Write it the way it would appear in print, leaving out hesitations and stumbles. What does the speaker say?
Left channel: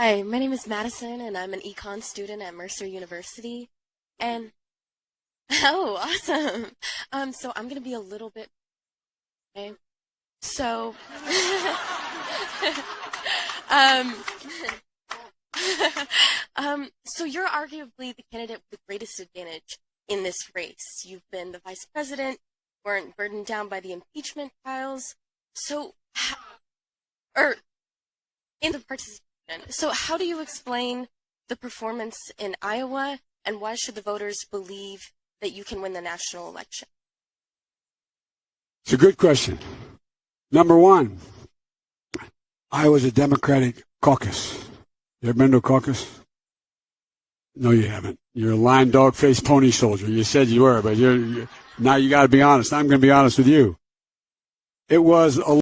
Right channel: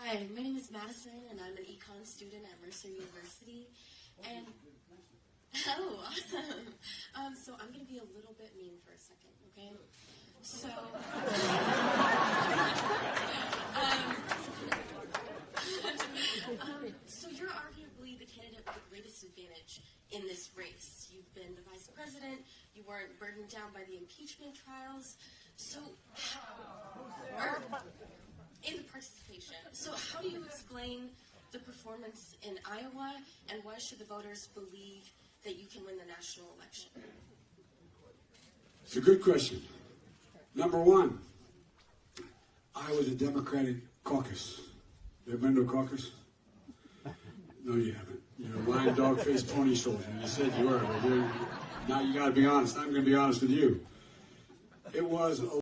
Hi, my name is Madison, and I'm an econ student at Mercer University. And, oh, awesome. So I'm going to be a little bit mean for a second, okay? So, so you're arguably the candidate with the greatest advantage in this race. You've been the vice president. You weren't burdened down by the impeachment trials. So, in the participation. So how do you explain the performance in Iowa, and why should the voters believe that you can win the national election? It's a good question. Number one, Iowa's a Democratic caucus. You ever been to a caucus? No, you haven't. You're a lying dog-faced pony soldier. You said you were, but now you got to be honest. I'm going to be honest with you. It was a